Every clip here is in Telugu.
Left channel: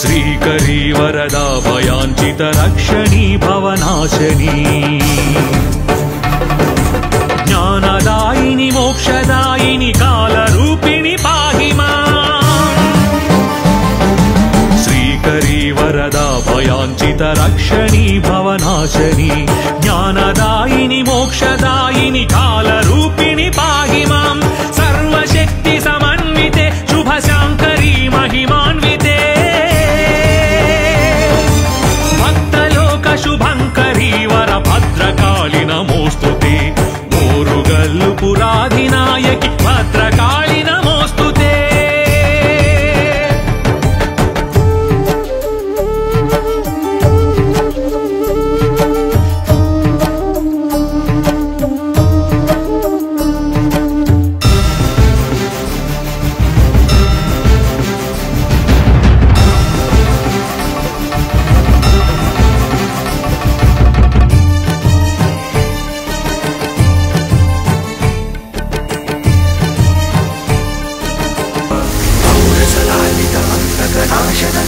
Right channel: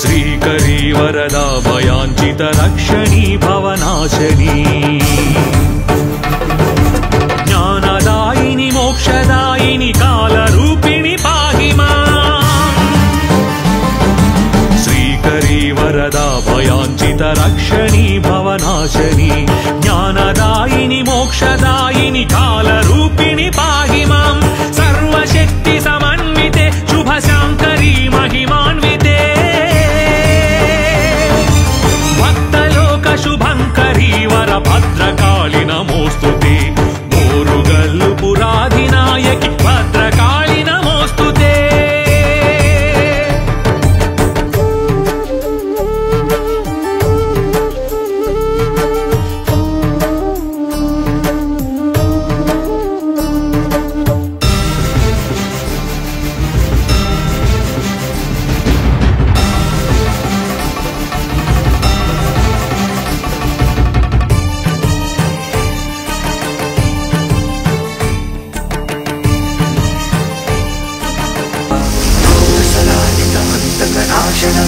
श्रीकरी वरदा भयाञ्चित रक्षणी भवनाशनी ज्ञानदायिनी मोक्षदायिनी कालरूपिणी पाहि माम् श्रीकरी वरदा भयाञ्चित रक्षणी भवनाशनी ज्ञानदायिनी मोक्षदायिनी कालरूपिणी पाहि माम् सर्वशक्ति समन्विते शुभशाङ्करी महिमान्विते शुभंकरी वर भद्रकाली नमोस्तुते मोरुगल्लु पुराधिनायकी भद्रकाली नमोस्तुते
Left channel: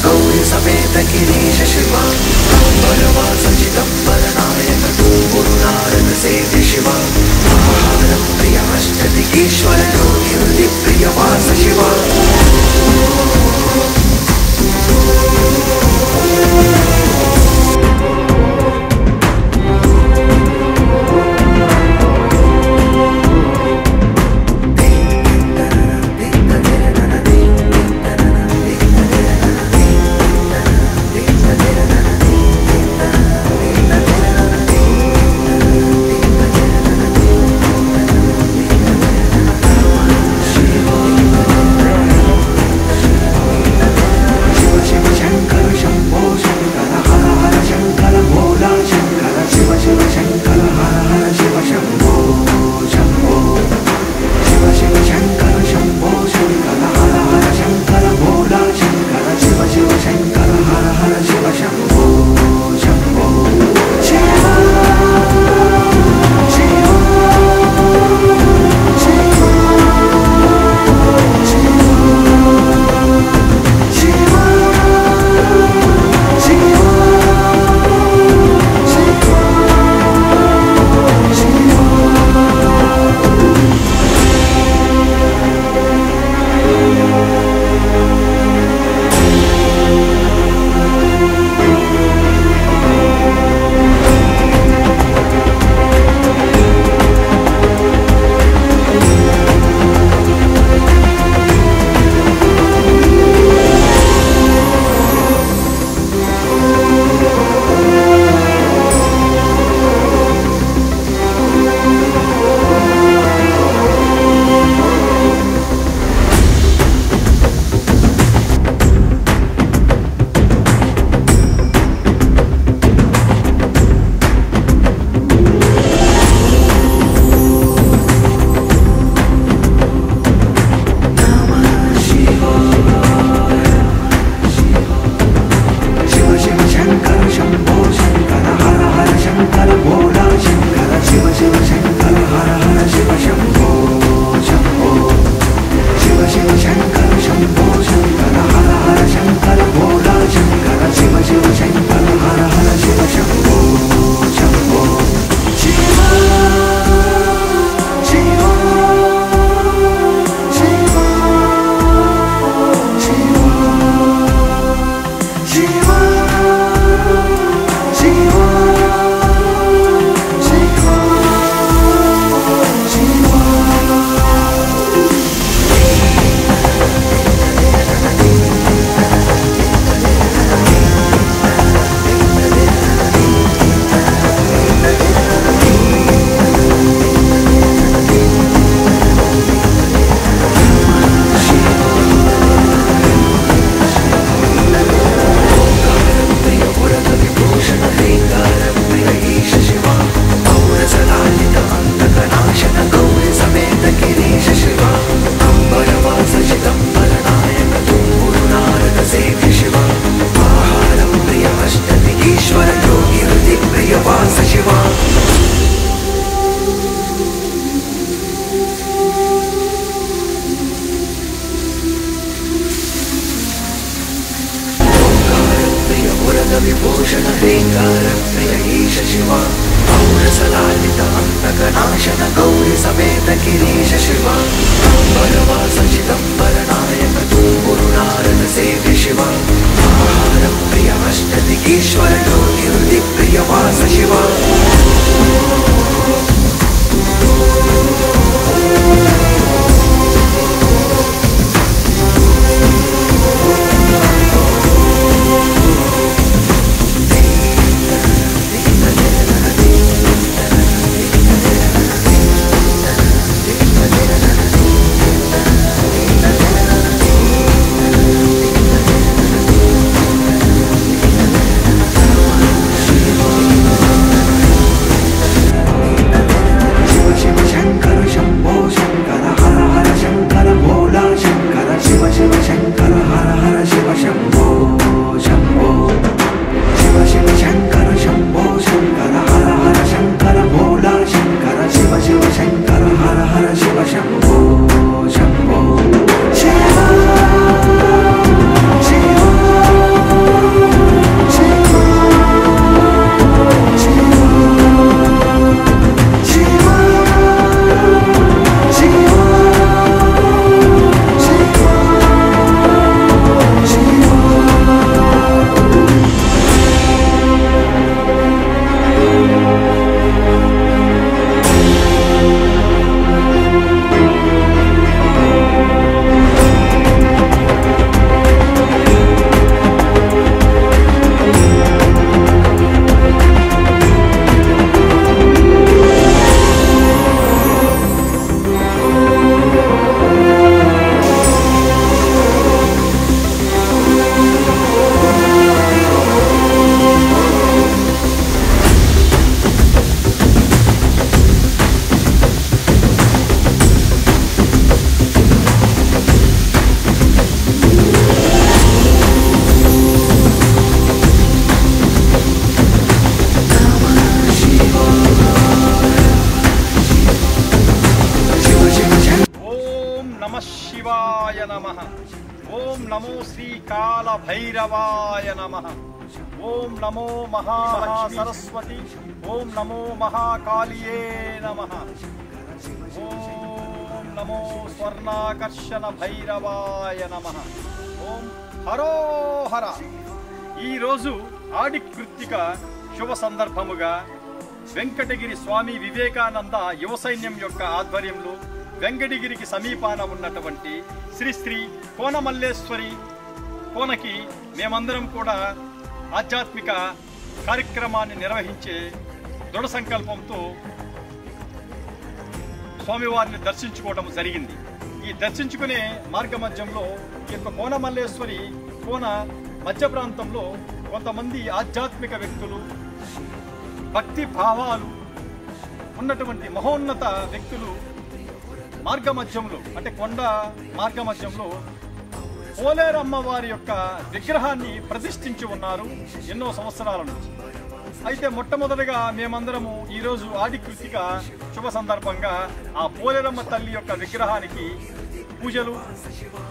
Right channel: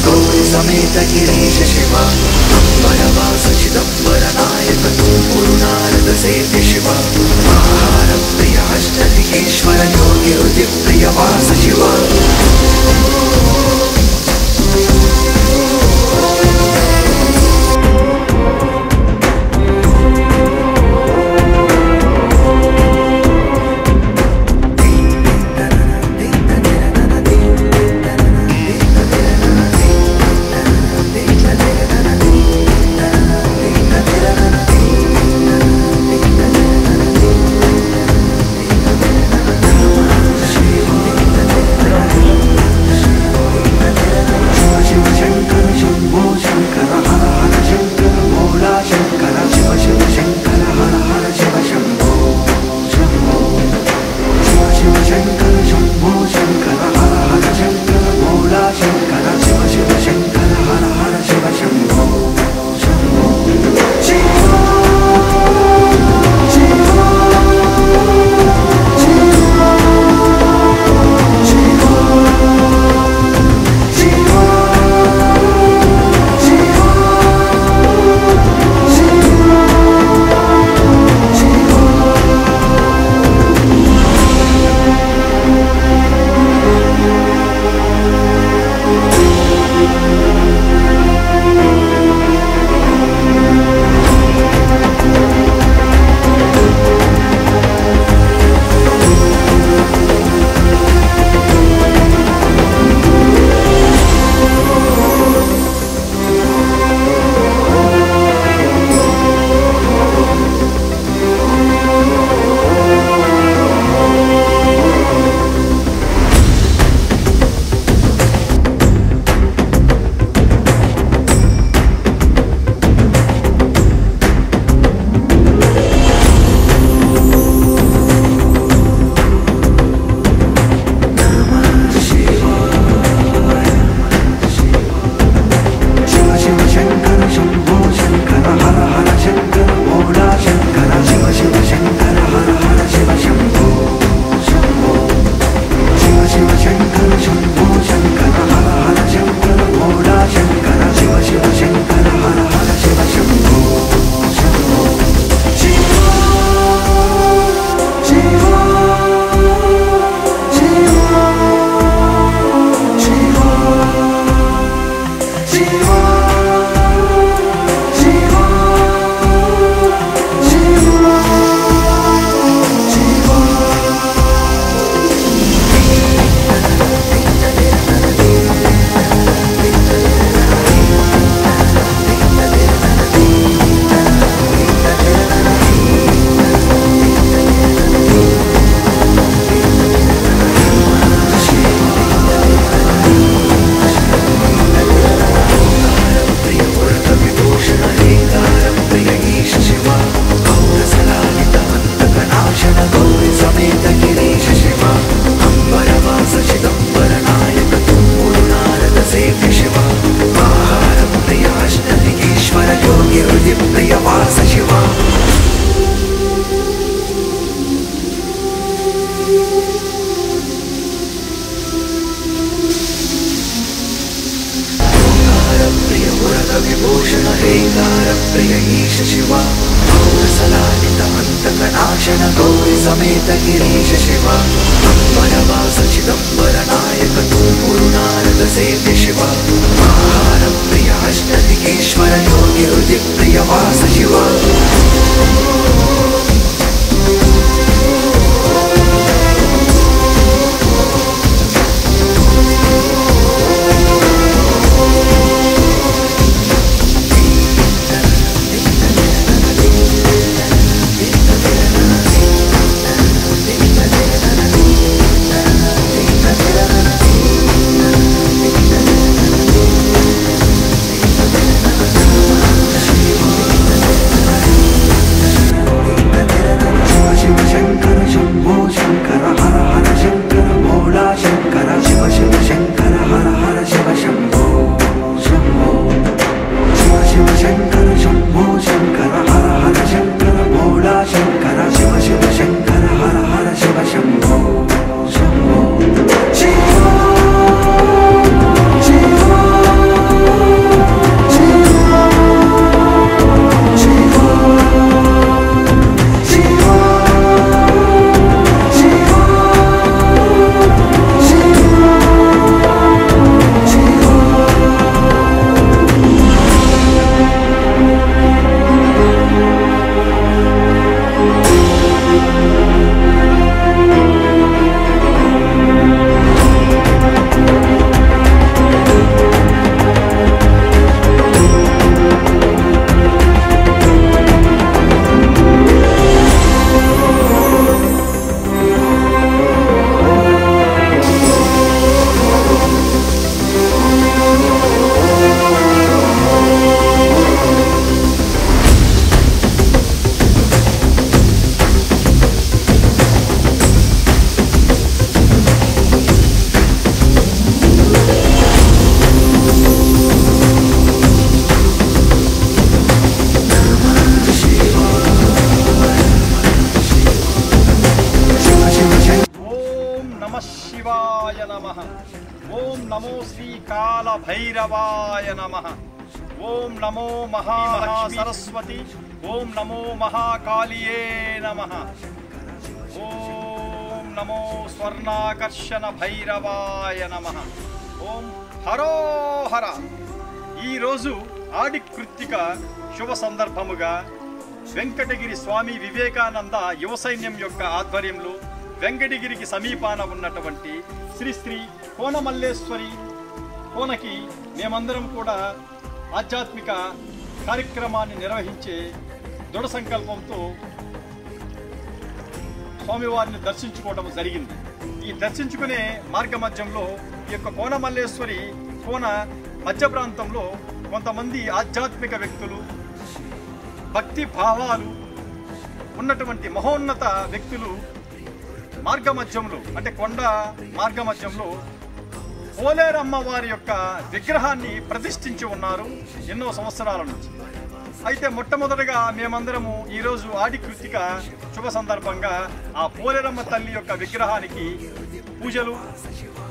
गौरी समेत गिरीश शिव वनवास चिदंबर नायक गुरु नारद सेव्य शिव महारम प्रिय अष्टदिकेश्वर योगी हृदय प्रिय वास शिव ह्रीङ्कारप्रिय ईश शिव पौरसलालित अन्तकनाशन गौरी समेत गिरीश शिव अम्बरवास चिदम्बरनायक गुरुनारद सेव्य शिव आहारप्रिय अष्टदिगीश्वर योगी हृदिप्रिय वास शिव ओम नमो श्री काल भैरवाय नमः। ओम नमो महासरस्वती। ओम नमो महाकालिये नमः। ओम नमो स्वर्णाकर्षण भैरवाय नमः। ओम हरो हर। ఈ రోజు ఆడి కృత్తిక శుభ సందర్భముగా వెంకటగిరి స్వామి వివేకానంద యువ సైన్యం యొక్క ఆధ్వర్యంలో వెంకటగిరికి సమీపాన ఉన్నటువంటి శ్రీ శ్రీ కోనమల్లేశ్వరి కోనకి మేమందరం కూడా ఆధ్యాత్మిక కార్యక్రమాన్ని నిర్వహించే దృఢ సంకల్పంతో స్వామివారిని దర్శించుకోవడం జరిగింది। ఈ దర్శించుకునే మార్గ మధ్యంలో ఈ యొక్క కోనమల్లేశ్వరి కోన మధ్య ప్రాంతంలో కొంతమంది ఆధ్యాత్మిక వ్యక్తులు భక్తి భావాలు ఉన్నటువంటి మహోన్నత వ్యక్తులు మార్గ మధ్యంలో అంటే కొండ మార్గ మధ్యంలో పోలేరమ్మ వారి యొక్క విగ్రహాన్ని ప్రతిష్ఠించి ఉన్నారు ఎన్నో సంవత్సరాల నుంచి। అయితే మొట్టమొదటగా మేమందరము ఈరోజు ఆడి కృత్తిక శుభ సందర్భంగా ఆ పోలేరమ్మ తల్లి యొక్క విగ్రహానికి పూజలు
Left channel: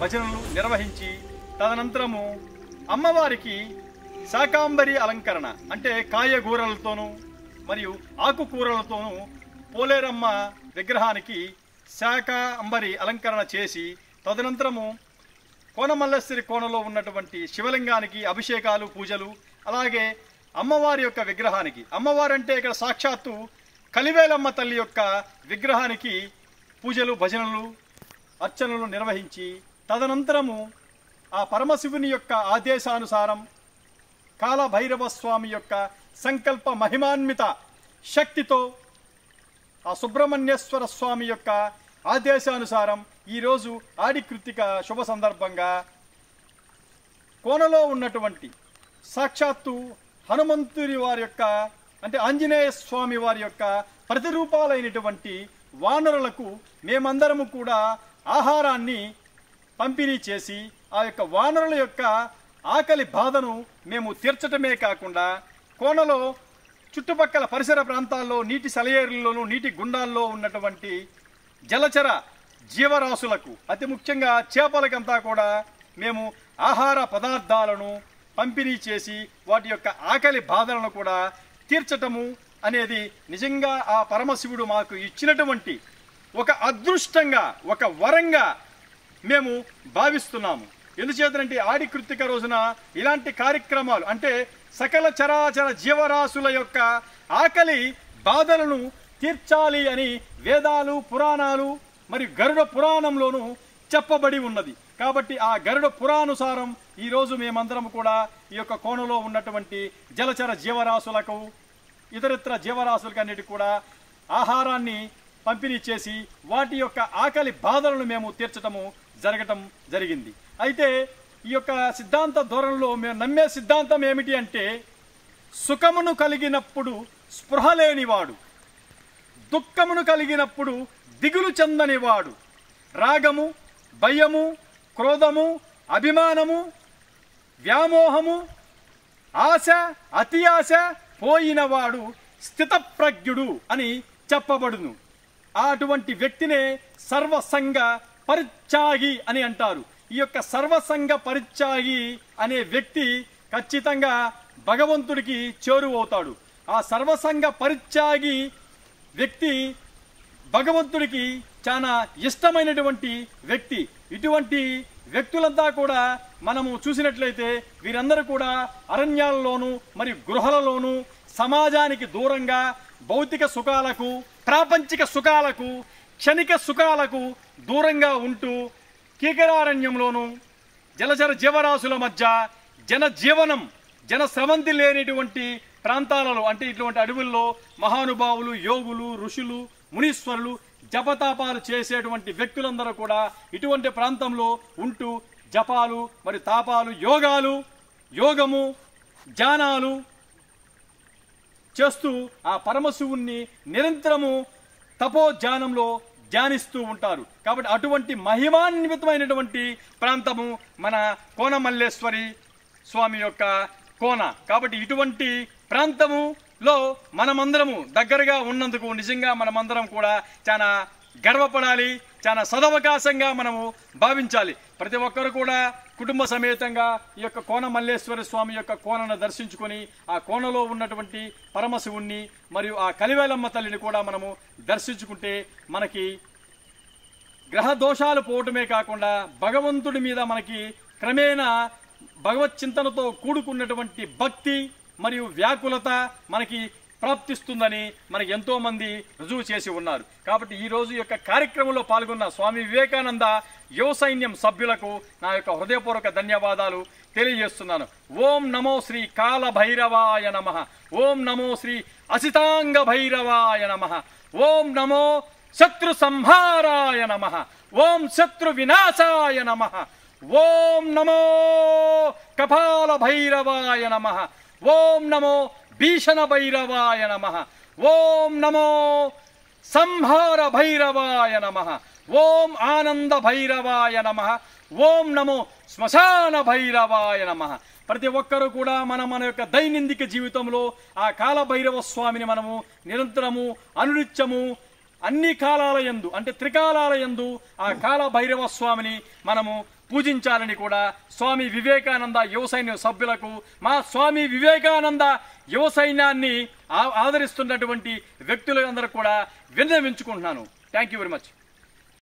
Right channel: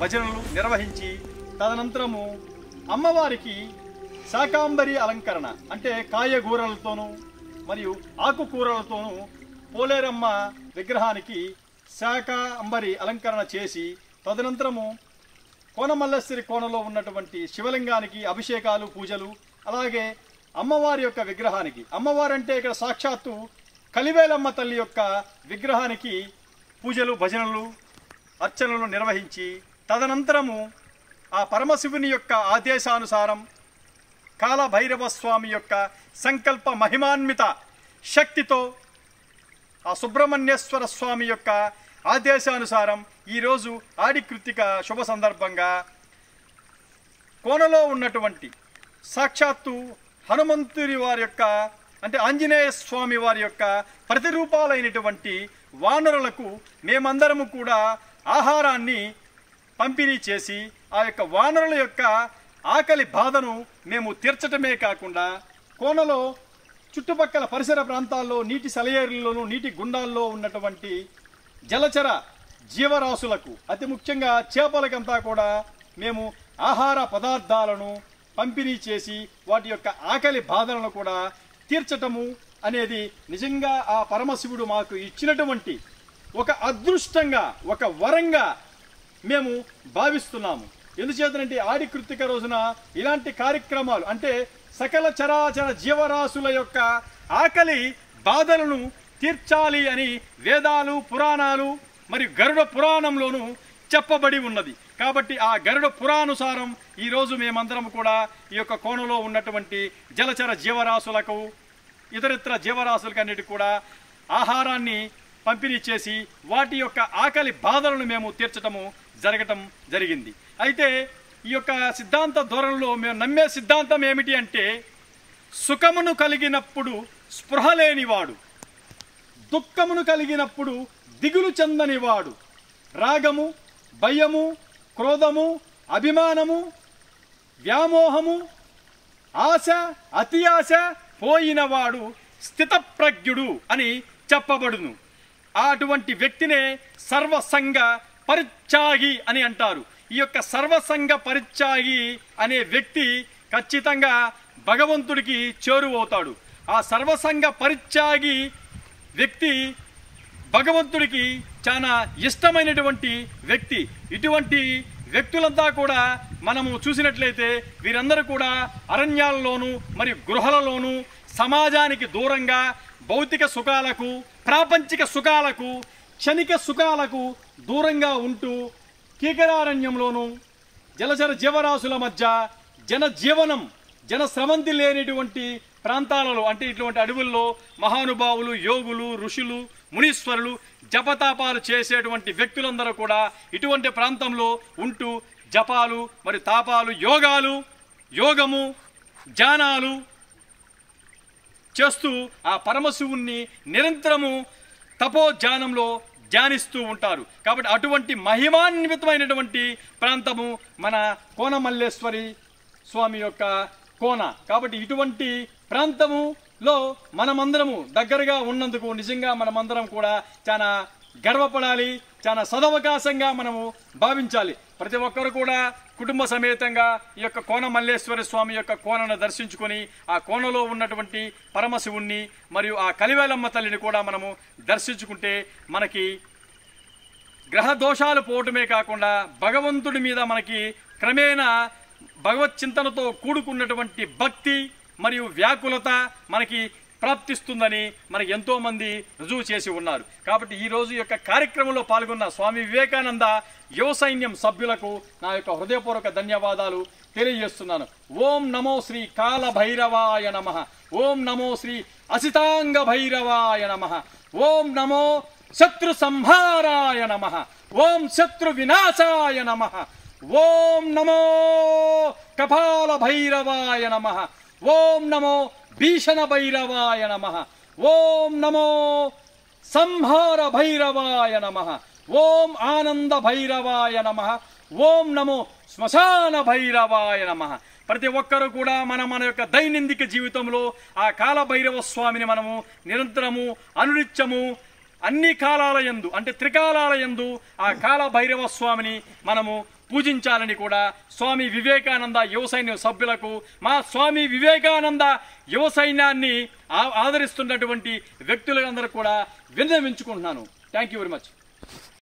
భజనలు నిర్వహించి తదనంతరము అమ్మవారికి శాకాంబరి అలంకరణ అంటే కాయగూరలతోనూ మరియు ఆకుకూరలతోనూ పోలేరమ్మ విగ్రహానికి శాకాంబరి అలంకరణ చేసి తదనంతరము కోనమల్లేశ్వరి కోనలో ఉన్నటువంటి శివలింగానికి అభిషేకాలు పూజలు అలాగే అమ్మవారి యొక్క విగ్రహానికి అమ్మవారంటే ఇక్కడ సాక్షాత్తు కలివేలమ్మ తల్లి యొక్క విగ్రహానికి పూజలు భజనలు అర్చనలు నిర్వహించి తదనంతరము ఆ పరమశివుని యొక్క ఆదేశానుసారం కాలభైరవ స్వామి యొక్క సంకల్ప మహిమాన్విత శక్తితో ఆ సుబ్రహ్మణ్యేశ్వర స్వామి యొక్క ఆదేశానుసారం ఈరోజు ఆడి కృత్తిక శుభ సందర్భంగా కోనలో ఉన్నటువంటి సాక్షాత్తు హనుమంతుని వారి యొక్క అంటే ఆంజనేయ స్వామి వారి యొక్క ప్రతిరూపాలైనటువంటి వానరులకు మేమందరము కూడా ఆహారాన్ని పంపిణీ చేసి ఆ యొక్క వానరుల యొక్క ఆకలి బాధను మేము తీర్చటమే కాకుండా కోనలో చుట్టుపక్కల పరిసర ప్రాంతాల్లో నీటి సెలయేరుల్లోనూ నీటి గుండాల్లో ఉన్నటువంటి జలచర జీవరాశులకు అతి ముఖ్యంగా చేపలకంతా కూడా మేము ఆహార పదార్థాలను పంపిణీ చేసి వాటి యొక్క ఆకలి బాధలను కూడా తీర్చటము అనేది నిజంగా ఆ పరమశివుడు మాకు ఇచ్చినటువంటి ఒక అదృష్టంగా, ఒక వరంగా మేము భావిస్తున్నాము. ఎందుచేతనంటే ఆడి కృత్తిక రోజున ఇలాంటి కార్యక్రమాలు అంటే సకల చరాచర జీవరాశుల యొక్క ఆకలి బాధలను తీర్చాలి అని వేదాలు, పురాణాలు మరియు గరుడ పురాణంలోనూ చెప్పబడి ఉన్నది. కాబట్టి ఆ గరుడ పురాణానుసారం ఈరోజు మేమందరం కూడా ఈ యొక్క కోణంలో ఉన్నటువంటి జలచర జీవరాశులకు, ఇతరితర జీవరాశులకు అన్నిటికీ కూడా ఆహారాన్ని పంపిణీ చేసి వాటి యొక్క ఆకలి బాధలను మేము తీర్చటము జరగటం జరిగింది. అయితే ఈ యొక్క సిద్ధాంత ధోరణిలో మేము నమ్మే సిద్ధాంతం ఏమిటి అంటే, సుఖమును కలిగినప్పుడు స్పృహ లేనివాడు, దుఃఖమును కలిగినప్పుడు దిగులు చెందనివాడు, రాగము, భయము, క్రోధము, అభిమానము, వ్యామోహము, ఆశ, అతి ఆశ పోయినవాడు స్థితప్రజ్ఞుడు అని చెప్పబడును. అటువంటి వ్యక్తినే సర్వసంగ పరిత్యాగి అని అంటారు. ఈ యొక్క సర్వసంగ పరిత్యాగి అనే వ్యక్తి ఖచ్చితంగా భగవంతుడికి చేరువవుతాడు. ఆ సర్వసంగ పరిత్యాగి వ్యక్తి భగవంతుడికి చాలా ఇష్టమైనటువంటి వ్యక్తి. ఇటువంటి వ్యక్తులంతా కూడా మనము చూసినట్లయితే వీరందరూ కూడా అరణ్యాలలోనూ మరియు గృహాలలోనూ సమాజానికి దూరంగా భౌతిక సుఖాలకు, ప్రాపంచిక సుఖాలకు, క్షణిక సుఖాలకు దూరంగా ఉంటూ కీకరారణ్యంలోనూ జలచర జీవరాశుల మధ్య జనజీవనం, జనస్రవంతి లేనిటువంటి ప్రాంతాలలో అంటే ఇటువంటి అడవుల్లో మహానుభావులు, యోగులు, ఋషులు, మునీశ్వరులు జపతాపాలు చేసేటువంటి వ్యక్తులందరూ కూడా ఇటువంటి ప్రాంతంలో ఉంటూ జపాలు మరి తాపాలు, యోగము, ధ్యానాలు చేస్తూ ఆ పరమశివుణ్ణి నిరంతరము తపోధ్యానంలో ధ్యానిస్తూ ఉంటారు. కాబట్టి అటువంటి మహిమాన్వితమైనటువంటి ప్రాంతము మన కోనమల్లేశ్వరి స్వామి యొక్క కోన. కాబట్టి ఇటువంటి ప్రాంతములో మనమందరము దగ్గరగా ఉన్నందుకు నిజంగా మనమందరం కూడా చాలా గర్వపడాలి, చాలా సదవకాశంగా మనము భావించాలి. ప్రతి ఒక్కరు కూడా కుటుంబ సమేతంగా ఈ యొక్క కోనమల్లేశ్వరి స్వామి యొక్క కోనను దర్శించుకొని ఆ కోనలో ఉన్నటువంటి పరమశివుణ్ణి మరియు ఆ కలివేలమ్మ తల్లిని కూడా మనము దర్శించుకుంటే మనకి గ్రహ దోషాలు పోవటమే కాకుండా భగవంతుడి మీద మనకి క్రమేణా భగవత్ చింతనతో కూడుకున్నటువంటి భక్తి మరియు వ్యాకులత మనకి ప్రాప్తిస్తుందని మనకి ఎంతో మంది రుజువు చేసి ఉన్నారు. కాబట్టి ఈ రోజు యొక్క కార్యక్రమంలో పాల్గొన్న స్వామి వివేకానంద యువ సైన్యం సభ్యులకు నా యొక్క హృదయపూర్వక ధన్యవాదాలు తెలియజేస్తున్నాను. ఓం నమో శ్రీ కాల భైరవాయ నమః. ఓం నమో శ్రీ అసితాంగ భైరవాయ నమః. ఓం నమో శత్రు సంహారాయ నమః. ఓం శత్రు వినాశాయ నమః. ఓం నమో కపాల భైరవాయ నమః. ఓం నమో భీషణ భైరవాయ నమః. ఓం నమో సంహార భైరవాయ నమః. ఓం ఆనంద భైరవాయ నమః. ఓం నమో శ్మశాన భైరవాయ నమః. ప్రతి ఒక్కరూ కూడా మన యొక్క దైనందిక జీవితంలో ఆ కాలభైరవ స్వామిని మనము నిరంతరము అనునిత్యము అన్ని కాలాలయందు అంటే త్రికాలాలయందు ఆ కాలభైరవ స్వామిని మనము పూజించాలని కూడా స్వామి వివేకానంద యువ సైన్య సభ్యులకు, మా స్వామి వివేకానంద యువ సైన్యాన్ని ఆదరిస్తున్నటువంటి వ్యక్తులందరూ కూడా విన్నవించుకుంటున్నాను. Thank you very much.